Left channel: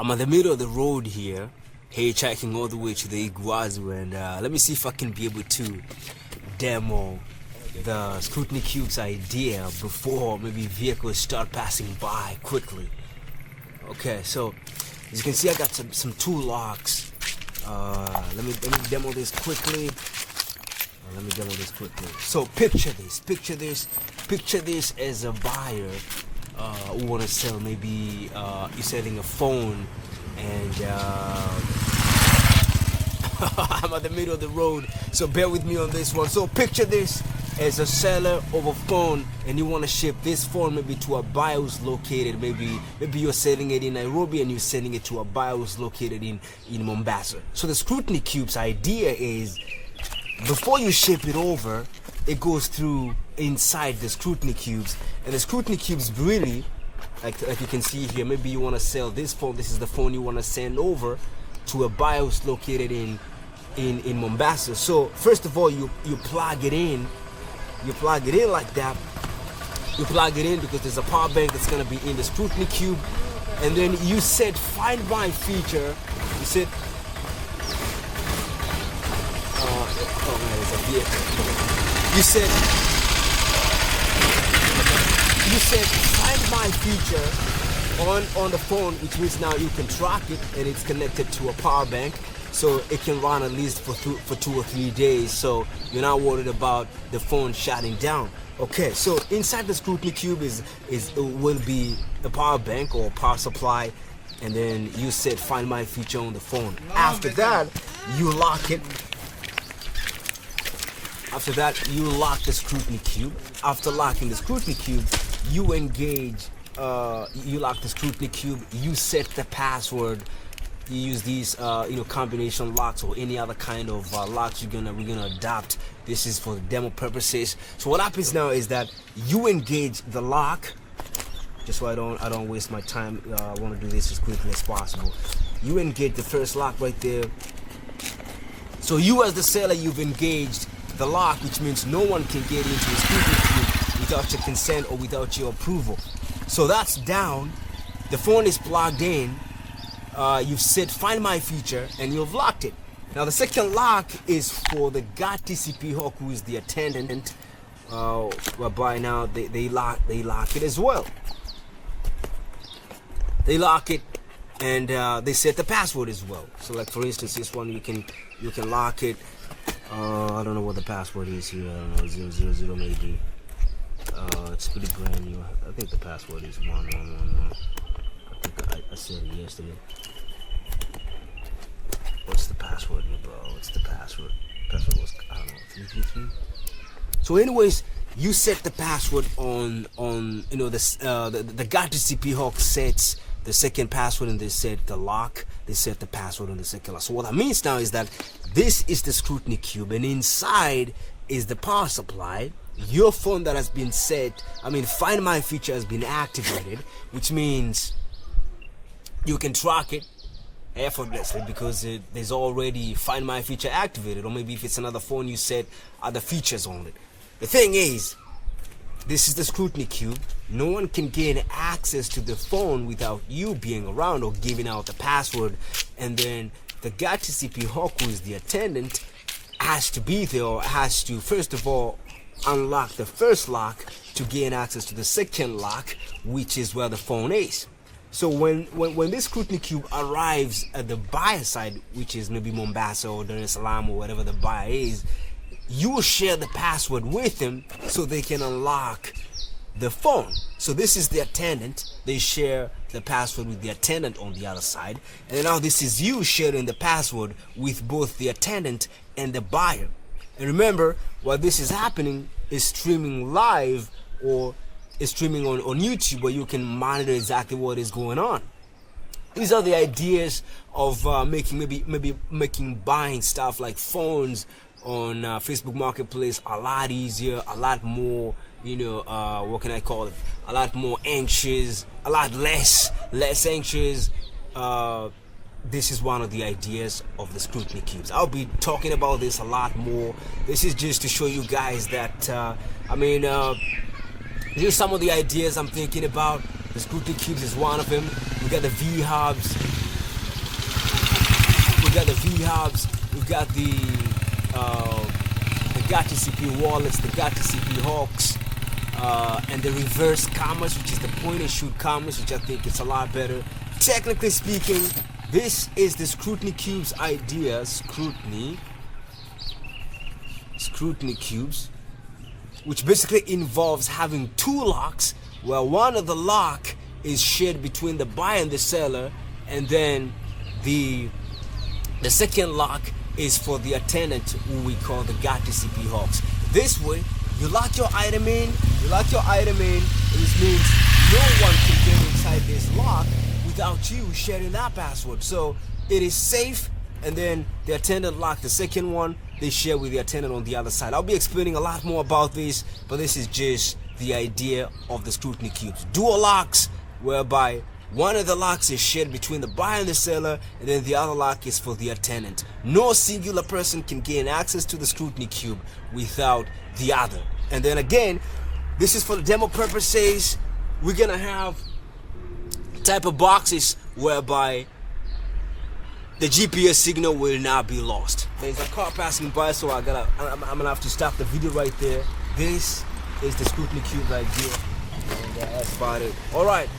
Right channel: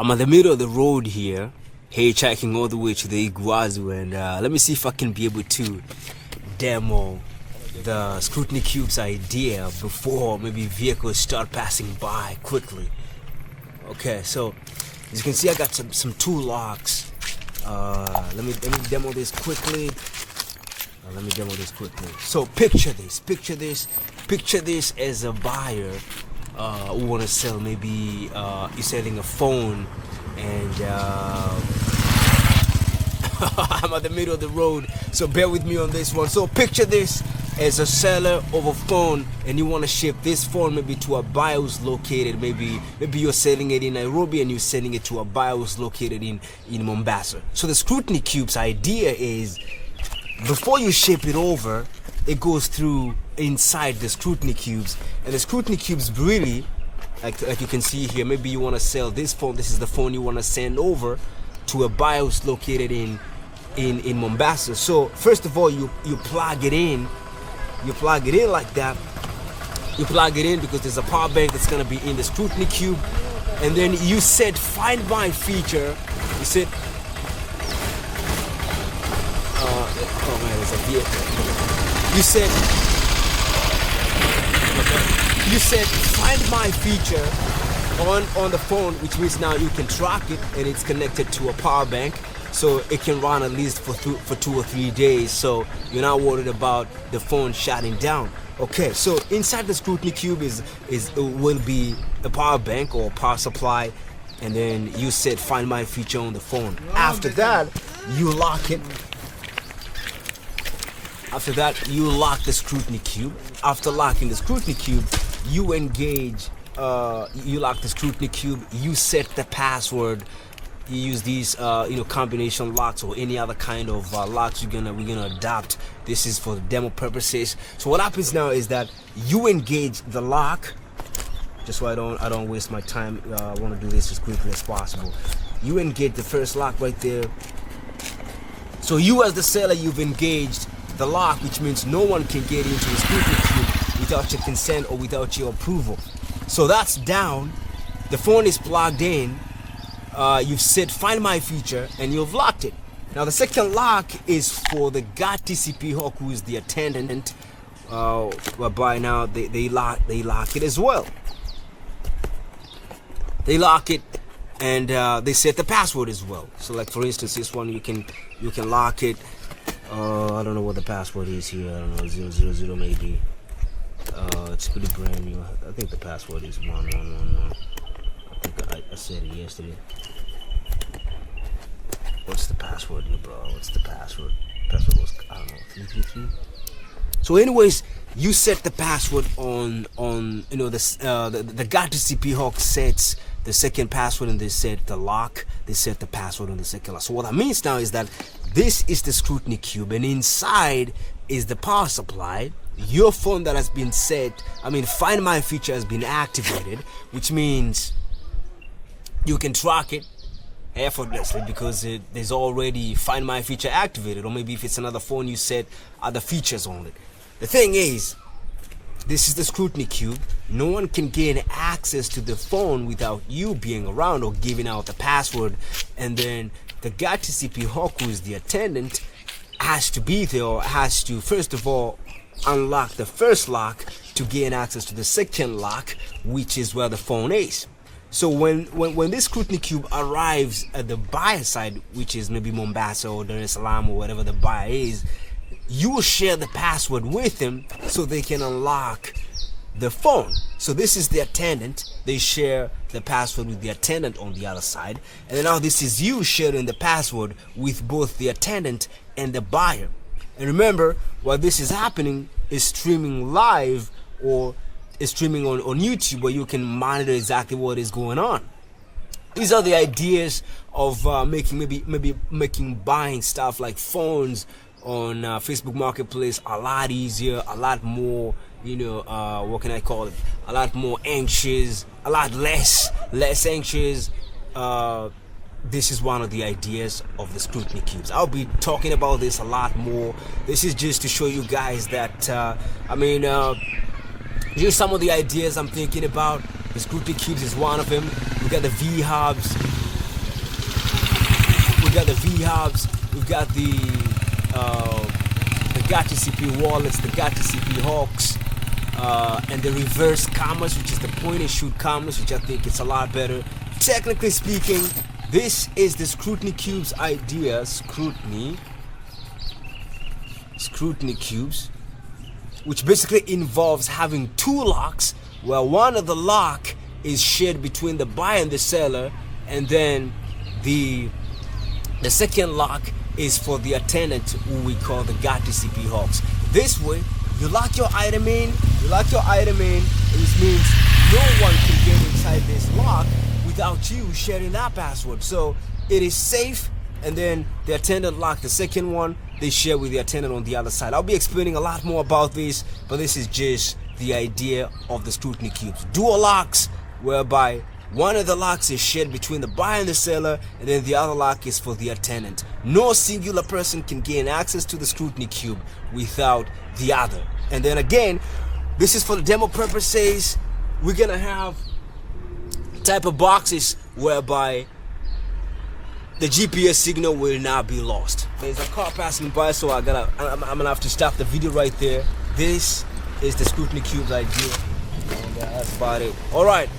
I'm in the middle of the road here, hitchhiking all the way to the Iguazu, and let me see if I can be able to demo the Scrutiny Cubes idea before maybe vehicles start passing by quickly. Okay, so as you can see, I got some two locks. Let me demo this quickly. So picture this as a buyer who want to sell. Maybe you're selling a phone, and I'm at the middle of the road, so bear with me on this one. So picture this as a seller of a phone, and you want to ship this phone maybe to a buyer who's located, maybe you're selling it in Nairobi and you're sending it to a buyer who's located in Mombasa. So the Scrutiny Cubes idea is, before you ship it over, it goes through inside the Scrutiny Cubes, and the Scrutiny Cubes really, like you can see here, maybe you want to sell this phone. This is the phone you want to send over to a buyer who's located in Mombasa. So first of all, you plug it in. You plug it in like that. You plug it in because there's a power bank that's going to be in the Scrutiny Cube, and then you set Find My feature. You set oh man, there's a vehicle. You said Find My feature on the phone, which means now you can track it, and it's connected to a power bank, so it can run at least for 2 or 3 days. So you're not worried about the phone shutting down. Okay, so inside the Scrutiny Cube will be a power bank or power supply, and then you set Find My feature on the phone. After that, you lock it. After that, you lock the Scrutiny Cube. After locking the Scrutiny Cube, you engage. You lock the Scrutiny Cube. You set the password. You use these, combination locks or any other kind of locks we're gonna adopt. This is for demo purposes. So what happens now is that you engage the lock. Just so I don't waste my time. I want to do this as quickly as possible. You engage the first lock right there. So you, as the seller, you've engaged the lock, which means no one can get into the Scrutiny Cube without your consent or without your approval. So that's down. The phone is plugged in. You've set Find My feature, and you've locked it. Now the second lock is for the GodTCP Hawk, who is the attendant. Whereby now they lock it as well. They lock it, and they set the password as well. So like for instance, this one you can lock it. I don't know what the password is here. I don't know, 000 maybe. It's pretty brand new. I think the password is 1111. I think I said it yesterday. What's the password here, bro? What's the password? Password was, I don't know, 333. So anyways, you set the password on the GodTCP Hawk sets the second password, and they set the lock. They set the password on the second lock. So what that means now is that this is the Scrutiny Cube, and inside is the power supply. Your phone that has been set, Find My feature has been activated, which means you can track it effortlessly because there's already Find My feature activated. Or maybe if it's another phone, you set other features on it. The thing is, this is the Scrutiny Cube. No one can gain access to the phone without you being around or giving out the password. And then the GodTCP Hawk, who is the attendant, has to be there, or has to, first of all, unlock the first lock to gain access to the second lock, which is where the phone is. So when this Scrutiny Cube arrives at the buyer side, which is maybe Mombasa or Dar es Salaam or whatever the buyer is, you will share the password with them so they can unlock the phone. So this is the attendant. They share the password with the attendant on the other side. And then now this is you sharing the password with both the attendant and the buyer. And remember, while this is happening, is streaming live or is streaming on YouTube, where you can monitor exactly what is going on. These are the ideas of making buying stuff like phones on Facebook Marketplace a lot easier, a lot more, what can I call it? A lot more anxious, a lot less anxious. This is one of the ideas of the Scrutiny Cubes. I'll be talking about this a lot more. This is just to show you guys that, here's some of the ideas I'm thinking about. The Scrutiny Cubes is one of them. We got the V-hubs. we've got the V-Hubs, we've got the GodTCP Wallets, the GodTCP Hawks, and the reverse commerce, which is the point and shoot commerce, which I think it's a lot better. Technically speaking, this is the Scrutiny Cubes idea. Scrutiny Cubes, which basically involves having two locks, where one of the lock is shared between the buyer and the seller, and then the second lock is for the attendant, who we call the GodTCP Hawks. This way, you lock your item in, which means no one can get inside this lock without you sharing that password. So it is safe, and then the attendant lock, the second one, they share with the attendant on the other side. I'll be explaining a lot more about this, but this is just the idea of the Scrutiny Cubes. Dual locks, whereby one of the locks is shared between the buyer and the seller, and then the other lock is for the attendant. No singular person can gain access to the Scrutiny Cube without the other. And then again, this is for the demo purposes. We're gonna have type of boxes whereby the GPS signal will not be lost. There's a car passing by, so I'm gonna have to stop the video right there. This is the Scrutiny Cubes idea, and that's about it. All right.